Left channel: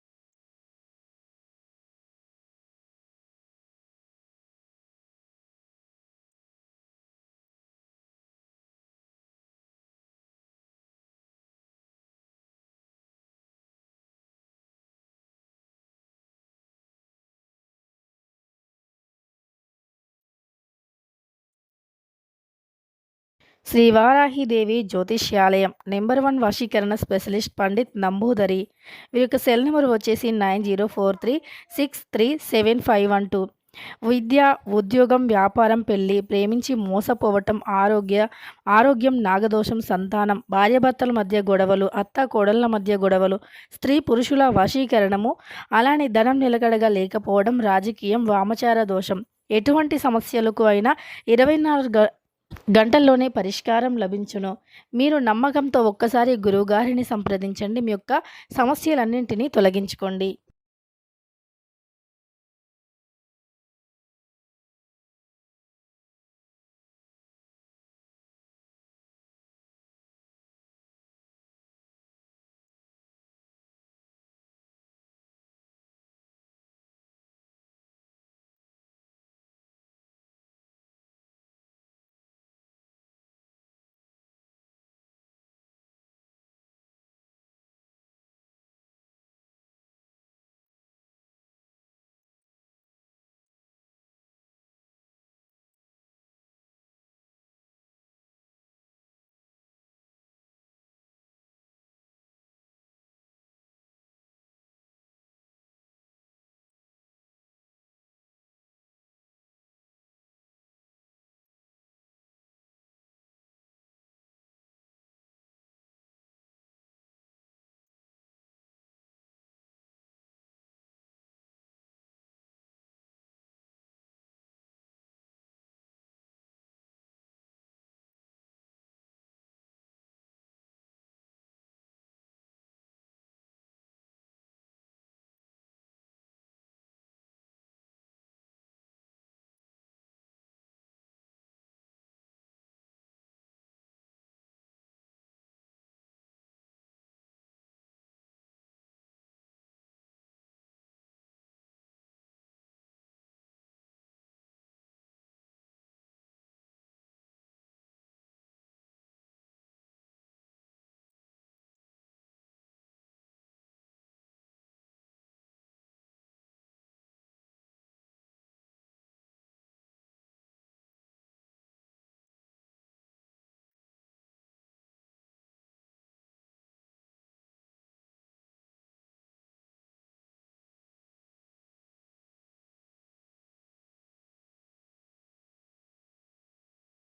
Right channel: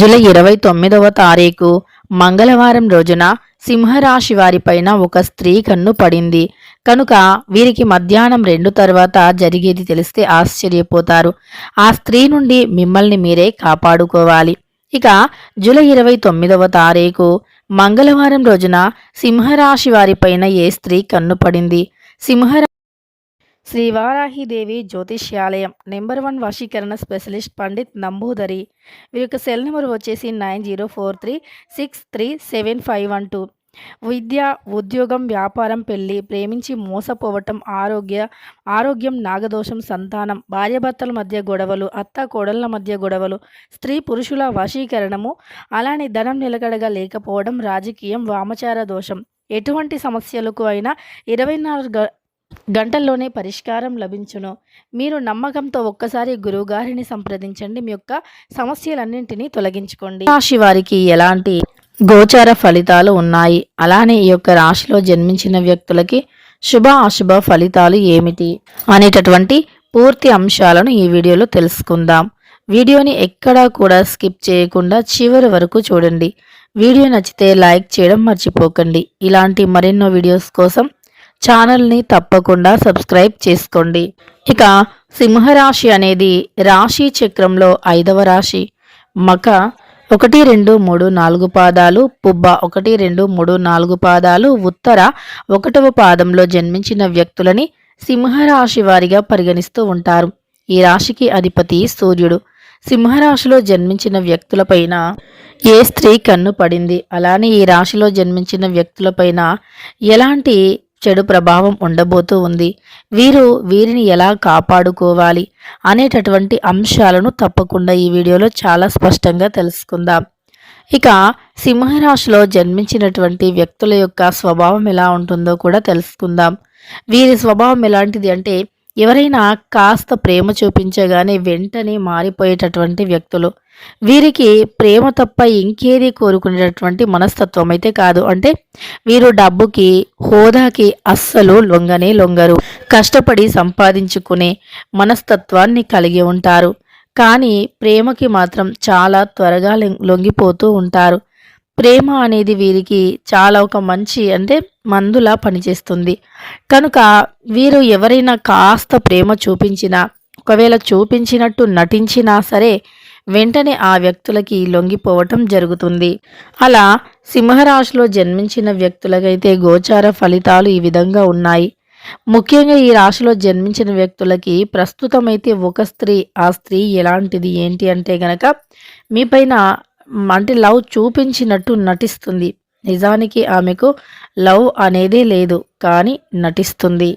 July 29వ తారీఖు మంగళవారం రోజున సింహరాశి వారిపైన ఒక స్త్రీ కన్ను పడింది కనుక వీరికి మధ్యాహ్నం 2 తర్వాత జరిగేది తెలిస్తే ఆశ్చర్యపోతారు. ఆ స్త్రీ నుండి మిమ్మల్ని మీరే కాపాడుకోవాలి. ఇక జూలై 29వ తారీఖు మంగళవారం రోజున సింహరాశి వారిపైన ఏ స్త్రీ కన్ను పడింది? శ్రీ వారాహిదేవి జ్యోతిష్యాలయం నెంబర్ 1 వశీకరణ స్పెషలిస్ట్ పండిత్ నంబూదరి. వీరి యొక్క సెల్ నెంబర్ వచ్చేసి 9043363751. విద్య, ఉద్యోగం, వ్యాపారం, పెళ్లి, ప్రేమించి మోసపోవటం, ఆరోగ్యం, నాగదోషం, సంతానం, భార్యాభర్తల మధ్య గొడవలు, అత్త కోడళ్ల మధ్య గొడవలు, స్త్రీ పురుషుల వశీకరణము, అలానే ధనం నిలకడగా లేకపోవడం, రాజకీయం, వామచార దోషం, ఎటువంటి సమస్యలకు అయినా 24 గంటల్లోనే పరిష్కారం లభించును. మీరు నమ్మకంతో ఒక్కసారి గురువుగారిని సంప్రదించండి. మీ యొక్క సమస్యలన్నింటినీ తొలగించుకోండి. రాశి వారికి ఎలాంటి గోచార ఫలితాలు ఉన్నాయి, అలానే ఈ యొక్క రాశిలో జన్మించిన వ్యక్తులకి శుభ అశుభ ఫలితాలు ఏమిటి అనేటటువంటి పూర్తి అంశాలను ఈ వీడియోలో తెలుసుకుందాం. వీడియోని ఎక్కడా కూడా స్కిప్ చేయకుండా చివరి వరకు చూడండి. వీడియో నచ్చితే లైక్ చేయడం మర్చిపోకండి. ఇలాంటి మరెన్నో వీడియోస్ కోసం ఛానల్ని తప్పకుండా సబ్స్క్రైబ్ చేసుకోండి. ఇక సింహరాశి అనేది రాశి చక్రంలో 5వ రాశి. మక 1, 2, 3, 4 పాదాలు, పుబ్బ 1, 2, 3, 4 పాదాలు, ఉత్తర 1వ పాదంలో జన్మించిన వ్యక్తులని సింహరాశి వారిగా పరిగణిస్తూ ఉంటారు. ఈ రాశికి అధిపతి సూర్యుడు. సింహరాశిలో జన్మించిన వ్యక్తులపైన ఏ స్త్రీ కన్ను పడింది, అలానే ఈ రాశిలో జన్మించిన వ్యక్తులపైన ఎలాంటి చెడు ప్రభావం ఉండబోతూ ఉంది, వీరిని ఎలా కాపాడుకోవాలి అనేటటువంటి అంశాలను తప్పకుండా ఈ వీడియోలో చాలా స్పష్టంగా తెలుసుకుందాం. ఇక సింహరాశిలో జన్మించినటువంటి వ్యక్తుల యొక్క స్వభావం ఎలా ఉంటుందో కూడా తెలుసుకుందాం. వీరి స్వభావం ఎలాంటిది అంటే, ఎవరైనా కాస్త ప్రేమ చూపించగానే వెంటనే మారిపోయేటటువంటి వ్యక్తులు. వీరికి ప్రేమ తప్ప ఇంకేది కోరుకునేటటువంటి మనస్తత్వం అయితే కాదు. అంటే వీరు డబ్బుకి, హోదాకి అస్సలు లొంగరు. కష్టపడి సంపాదించుకునే మనస్తత్వాన్ని కలిగి ఉంటారు. కానీ ప్రేమకి మాత్రం చాలా త్వరగా లొంగిపోతూ ఉంటారు. ప్రేమ అనేది వీరికి చాలా ఒక మంచి మందులా పనిచేస్తుంది. కనుక వీరు ఎవరైనా కాస్త ప్రేమ చూపించినా, ఒకవేళ చూపించినట్టు నటించినా సరే వెంటనే ఆ వ్యక్తులకి లొంగిపోవటం జరుగుతుంది. అలా సింహరాశిలో జన్మించిన వ్యక్తులకైతే గోచార ఫలితాలు ఈ విధంగా ఉన్నాయి. ముఖ్యంగా ఈ రాశిలో జన్మించిన వ్యక్తులకి ప్రస్తుతం అయితే ఒక స్త్రీ, ఆ స్త్రీ ఎలాంటిది ఏంటి అంటే గనక మీపైన లవ్ చూపించినట్టు నటిస్తుంది. నిజానికి ఆమెకు లవ్ అనేదే లేదు, కానీ నటిస్తుంది.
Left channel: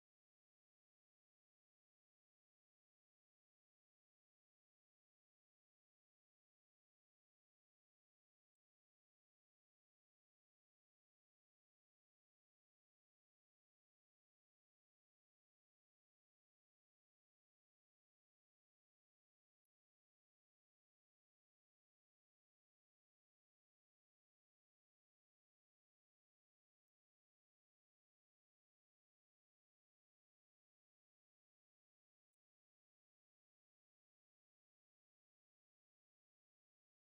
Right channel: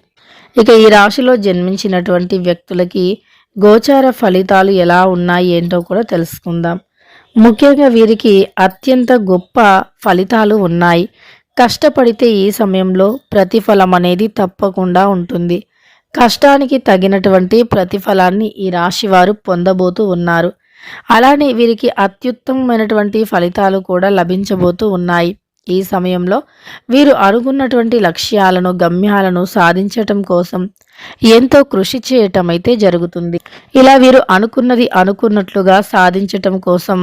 ఇక ఈ రాశిలో జన్మించినటువంటి వ్యక్తులకి గోచార ఫలితాలు ఎలా ఉన్నాయి ఏంటో కూడా తెలుసుకుందాం. ముఖ్యంగా వీరికి అత్యంత గొప్ప ఫలితాలు ఉన్నాయి. కష్టపడితే ఈ సమయంలో ప్రతిఫలం అనేది తప్పకుండా ఉంటుంది. కష్టానికి తగినటువంటి ప్రతిఫలాన్ని ఈ రాశి వారు పొందబోతూ ఉన్నారు. అలానే వీరికి అత్యుత్తమమైనటువంటి ఫలితాలు కూడా లభించబోతూ ఉన్నాయి. ఈ సమయంలో వీరు అనుకున్నటువంటి లక్ష్యాలను, గమ్యాలను సాధించటం కోసం ఎంతో కృషి చేయటం అయితే జరుగుతుంది. ఇలా వీరు అనుకున్నది అనుకున్నట్లుగా సాధించటం కోసం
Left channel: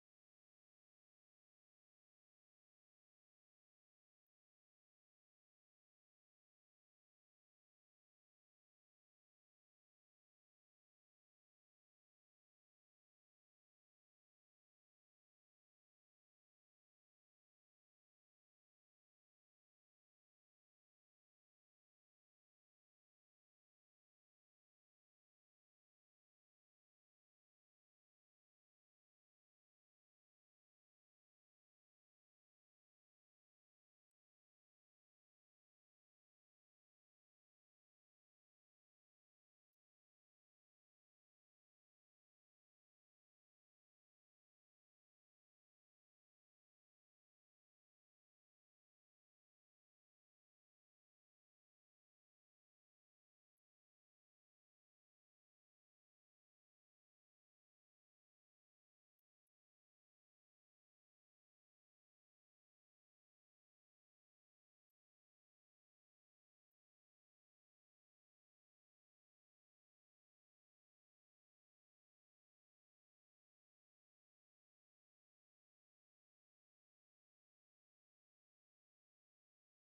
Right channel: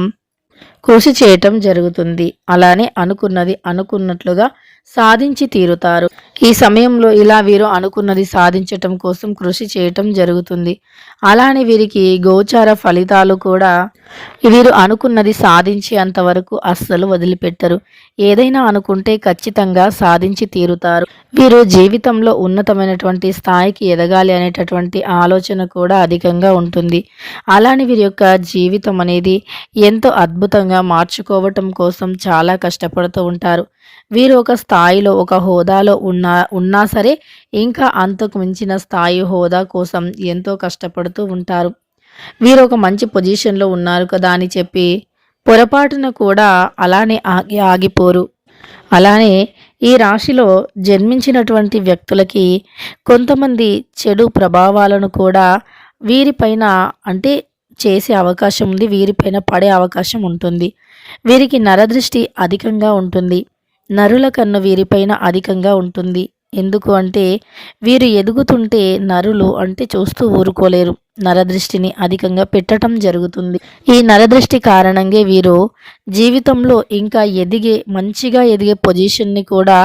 కృషి చేయటం జరుగుతుంది. అలానే అనుకున్నది అనుకున్నట్లుగా సాధించి తీరుతారు. ఈ సమయంలో ఇలా వీరు అనుకున్నది సాధించటం కోసం కృషి చేయటం జరుగుతుంది. అలానే వీరికి గోచార ఫలితాలు కూడా వీరు అనుకున్నది సాధించి అంతవరకు అస్సలు వదిలిపెట్టరు. ఏదైనా అనుకుంటే ఖచ్చితంగా సాధించి తీరుతారు. వీరు జీవితంలో ఉన్నతమైనటువంటి స్థాయికి ఎదగాలి అనేటటువంటి ఆలోచన కూడా అధికంగా ఉంటుంది. అలానే వీరి యొక్క జీవితం అనేది ఎంతో అద్భుతంగా మార్చుకోవటం కోసం చాలా కష్టపడుతూ ఉంటారు. వీరు ఒక స్థాయిలో, ఒక హోదాలో ఉన్నా సరే ఇంకా అంతకు మించిన స్థాయి, హోదా కోసం ఎంతో కష్టపడుతూ ఉంటారు. వీరు ఒక మంచి పొజిషన్లో ఉన్నారు కదా అని చెప్పి పొరపాటున కూడా అలానే ఆగిపోరు. అలానే ఈ రాశిలో జన్మించినటువంటి వ్యక్తులకి కొంతమంది చెడు ప్రభావాలను కూడా వీరిపైన చేసే అవకాశం ఉంది, వీరిపైన పడే అవకాశం ఉంటుంది. వీరికి నరదృష్టి అధికంగా ఉంటుంది. నరుల కన్ను వీరిపైన అధికంగా ఉంటుంది. ఎందుకు అంటే వీరు ఎదుగుతుంటే నరులు అంటే చూస్తూ ఊరుకోలేరు. నరదృష్టిని అధికంగా పెట్టటం జరుగుతుంది. ఈ నరదృష్టి కారణంగా వీరు జీవితంలో ఇంకా మంచిగా ఎదిగే పొజిషన్‌ని కూడా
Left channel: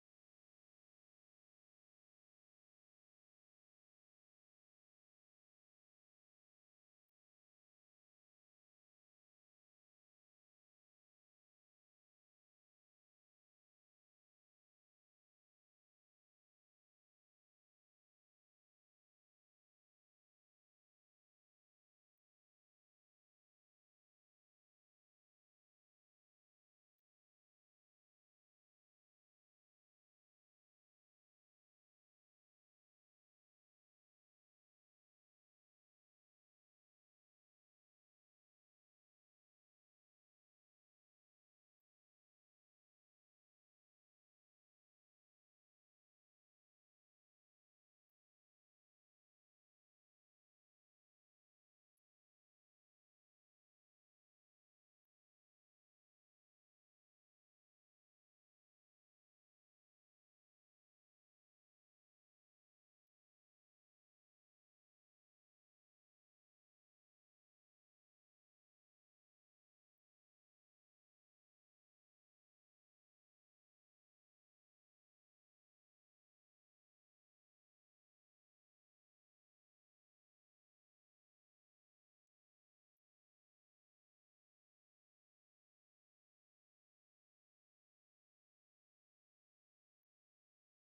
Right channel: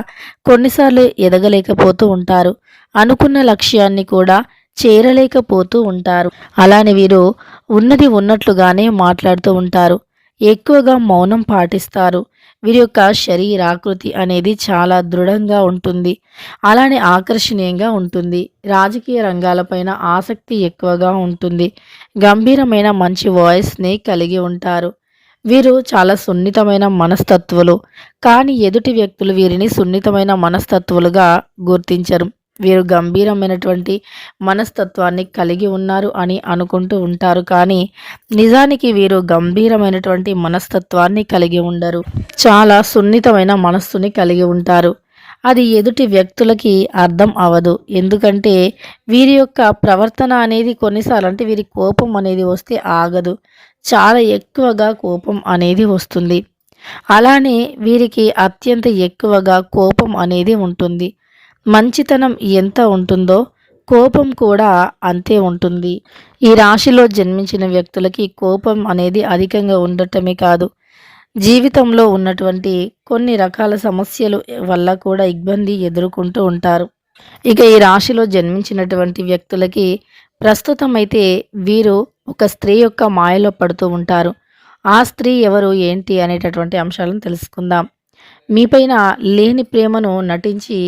కొన్నిసార్లు ఎదగలేకపోతూ ఉంటారు. అనుకున్న లక్ష్యాన్ని కూడా చేరలేకపోతూ ఉంటారు. అలానే వీరు ఉన్నది ఉన్నట్లుగానే మాట్లాడుతూ ఉంటారు. ఎక్కువగా మౌనం పాటిస్తారు. వీరి యొక్క శరీరాకృతి అనేది చాలా దృఢంగా ఉంటుంది. అలానే ఆకర్షణీయంగా ఉంటుంది. రాజకీయ రంగాలపైన ఆసక్తి ఎక్కువగా ఉంటుంది. గంభీరమైన మంచి వాయిస్‌ని కలిగి ఉంటారు. వీరు చాలా సున్నితమైన మనస్తత్వులు. కానీ ఎదుటి వ్యక్తులు వీరిని సున్నితమైన మనస్తత్వులుగా గుర్తించరు. వీరు గంభీరమైనటువంటి మనస్తత్వాన్ని కలిగి ఉన్నారు అని అనుకుంటూ ఉంటారు. కానీ నిజానికి వీరు గంభీరమైనటువంటి మనస్తత్వాన్ని కలిగి ఉండరు. చాలా సున్నితమైన మనస్సుని కలిగి ఉంటారు. అది ఎదుటి వ్యక్తులకి అర్థం అవ్వదు. ఎందుకంటే వీరి యొక్క ప్రవర్తన అనేది కొన్నిసార్లు అంటే వీరి కోపం అనేది వస్తే ఆగదు. చాలా ఎక్కువగా కోపం అనేది వస్తుంది. అలానే వీరికి అత్యంత ఎక్కువగా కోపం అనేది ఉంటుంది. మంచితనం ఎంత ఉంటుందో కోపం కూడా అంతే ఉంటుంది. ఈ రాశిలో జన్మించిన వ్యక్తులకి కోపం అనేది అధికంగా ఉండటమే కాదు, జీవితంలో ఉన్నటువంటి కొన్ని రకాల సమస్యలు వల్ల కూడా ఇబ్బంది ఎదుర్కొంటూ ఉంటారు. ఇక ఈ రాశిలో జన్మించినటువంటి వ్యక్తులకి ప్రస్తుతం అయితే వీరు ఒక స్త్రీ యొక్క మాయలో పడుతూ ఉంటారు. ఆ స్త్రీ ఎవరు ఏంటి అనేటటువంటి అంశాలను తెలుసుకుందాం. మీపైన లేని ప్రేమను నటించి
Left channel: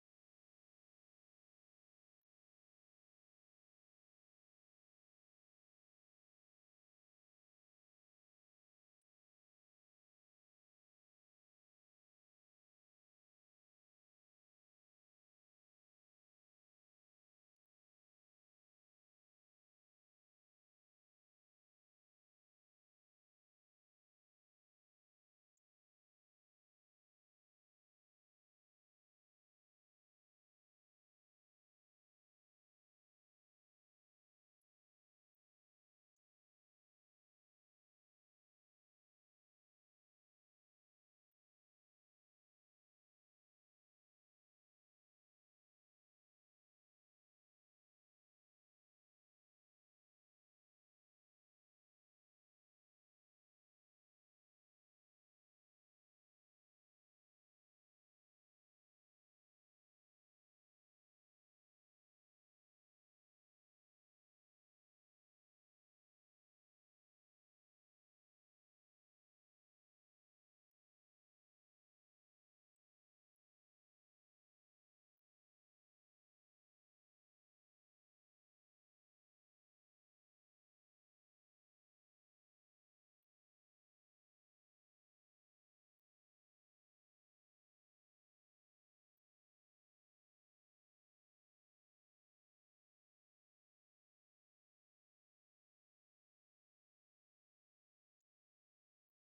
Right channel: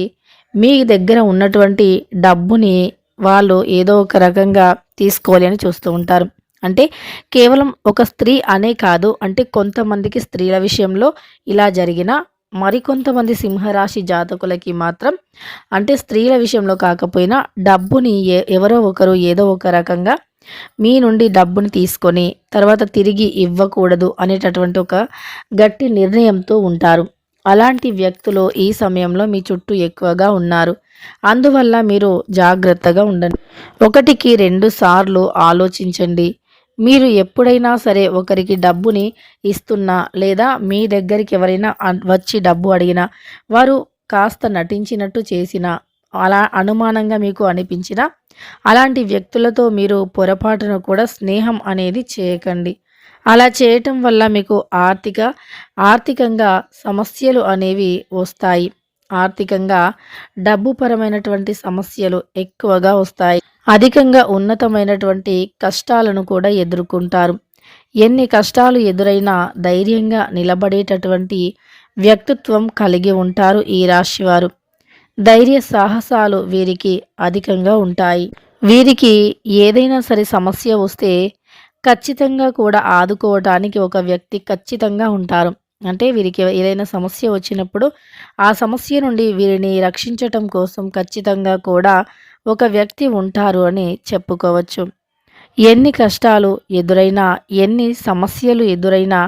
మీ దగ్గర ఉన్నటువంటి డబ్బుని వాళ్ళు ఏదో ఒక రకంగా తీసుకోవాలి అని చూస్తూ ఉంటారు. అంటే కేవలం ఒక స్త్రీ అనే కాదు, అంటే కొంతమందికి స్త్రీల విషయంలో ఇలా జరిగినా మరికొంతమంది సింహరాశి జాతకులకి మాత్రం అంటే స్త్రీల విషయంలో కాకపోయినా డబ్బుని ఎవరో ఒకరు ఏదో ఒక రకంగా మీ నుండి డబ్బుని తీసుకొని తర్వాత తిరిగి ఇవ్వకూడదు అనేటటువంటి ఒక గట్టి నిర్ణయంతో ఉంటారు. అలాంటి వ్యక్తులు ఈ సమయంలో మీ చుట్టూ ఎక్కువగా ఉన్నారు. అందువల్ల మీరు జాగ్రత్తగా ఉండండి. ఒకటికి 2 సార్లు ఆలోచించండి. మీరు ఎప్పుడైనా సరే ఒకరికి డబ్బుని ఇస్తున్నా లేదా మీ దగ్గరికి ఎవరైనా వచ్చి డబ్బు అడిగినా వారు కాస్త నటించినట్టు చేసినా అలా అనుమానంగా మీకు అనిపించినా అలాంటి వ్యక్తులతో మీరు పొరపాటున కూడా స్నేహం అనేది చేయకండి. అలా చేయటం వల్ల మీకు ఆర్థికంగా సమస్యలు అనేవి వస్తాయి. ఆర్థికంగా డబ్బు పరమైనటువంటి సమస్యలు ఎక్కువగా వస్తాయి. అధికంగా ఉన్నతమైనటువంటి కష్టాలను కూడా ఎదుర్కొంటారు. ఎన్ని కష్టాలు ఎదురైనా ధైర్యంగా నిలబడేటటువంటి వ్యక్తిత్వం కలిగి ఉంటారు ఈ రాశివారు. ధైర్య సాహసాలు వీరికి అధికంగా ఉంటాయి. వీరికి ఏదైనా సరే సమస్య వస్తే ఖచ్చితంగా కూడా ఆదుకోవటానికి ఒక వ్యక్తి ఖచ్చితంగా ఉంటారు. అంటే వీరికి ఏదైనా సమస్య వచ్చినప్పుడు ఆ సమస్య నుండి వీరిని రక్షించటం కోసం ఖచ్చితంగా కూడా ఒక వ్యక్తి ఉంటారు అని చెప్పుకోవచ్చు. ఎన్ని కష్టాలు ఎదురైనా, ఎన్ని సమస్యలు ఎదురైనా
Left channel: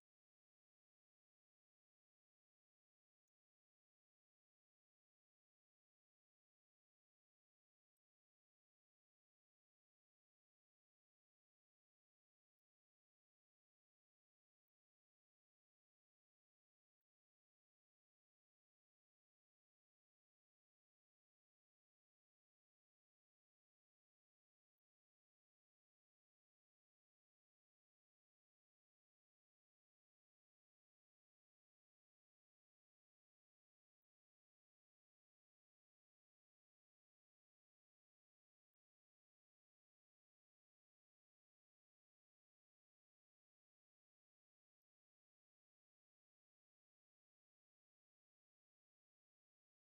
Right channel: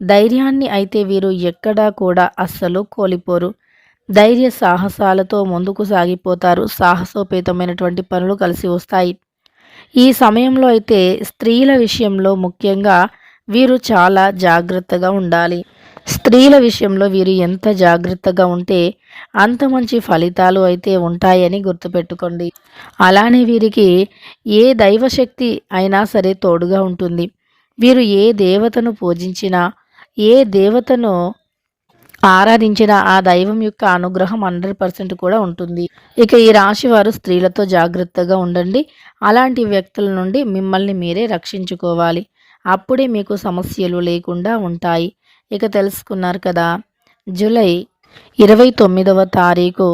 ధైర్యాన్ని అయితే వీరు ఎక్కడా కూడా అస్సలు కోల్పోరు. ధైర్య సాహసాలతో ముందుకు సాగిపోతారు. సాహసోపేతమైనటువంటి పనులు కలిసి వస్తాయి. ఈ సమయంలో అయితే స్త్రీల విషయంలో ముఖ్యంగా వీరు చాలా జాగ్రత్తగా ఉండాలి. స్త్రీల విషయంలో వీరు ఎంత జాగ్రత్తగా ఉంటే అంత మంచి ఫలితాలు అయితే ఉంటాయని గుర్తుపెట్టుకోండి. అలానే వీరికి ఏ దైవశక్తి అయినా సరే తోడుగా ఉంటుంది. వీరు ఏ దేవతను పూజించినా, ఏ దేవతను ఆరాధించిన ఆ దైవం యొక్క అనుగ్రహం 100% కూడా ఉంటుంది. ఇక ఈ రాశి వారు స్త్రీలతో జాగ్రత్తగా ఉండండి. అలాంటి వ్యక్తుల నుండి మిమ్మల్ని మీరే రక్షించుకోవాలి. అప్పుడే మీకు సమస్యలు లేకుండా ఉంటాయి. ఇక తెలుసుకున్నారు కదా, జూలై 29వ తారీఖు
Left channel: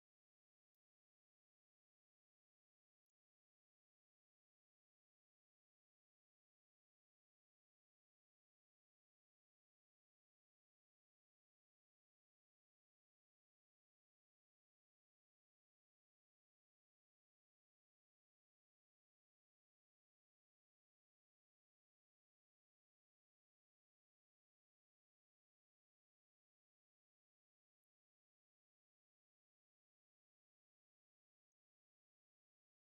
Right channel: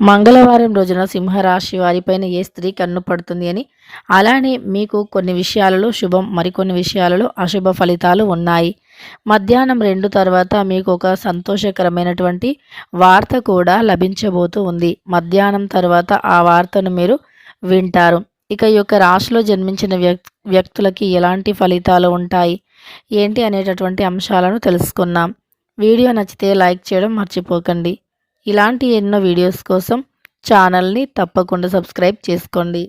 మంగళవారం రోజున సింహరాశి వారిపైన ఏ స్త్రీ కన్ను పడుతుంది అని. అలానే మీకు కొన్ని విషయాలలో శుభం, మరికొన్ని విషయాలలో అశుభ ఫలితాలు ఉన్నాయి. మధ్యాహ్నం 2 తర్వాత మీకు ఒక సంతోషకరమైనటువంటి వార్త కూడా లభించబోతూ ఉంది. మధ్యాహ్నం తర్వాత ఆ వార్తను మీరు వింటారు. ఇక ఈ యొక్క రాశిలో జన్మించిన వ్యక్తులకి ఎలాంటి ఫలితాలు ఉంటాయి ఏంటి అనేటటువంటి అంశాలను తెలుసుకున్నాం. వీడియో నచ్చితే లైక్ చేయడం మర్చిపోకండి. ఇలాంటి ఎన్నో వీడియోస్ కోసం ఛానల్ని తప్పకుండా సబ్స్క్రైబ్ చేసుకోండి.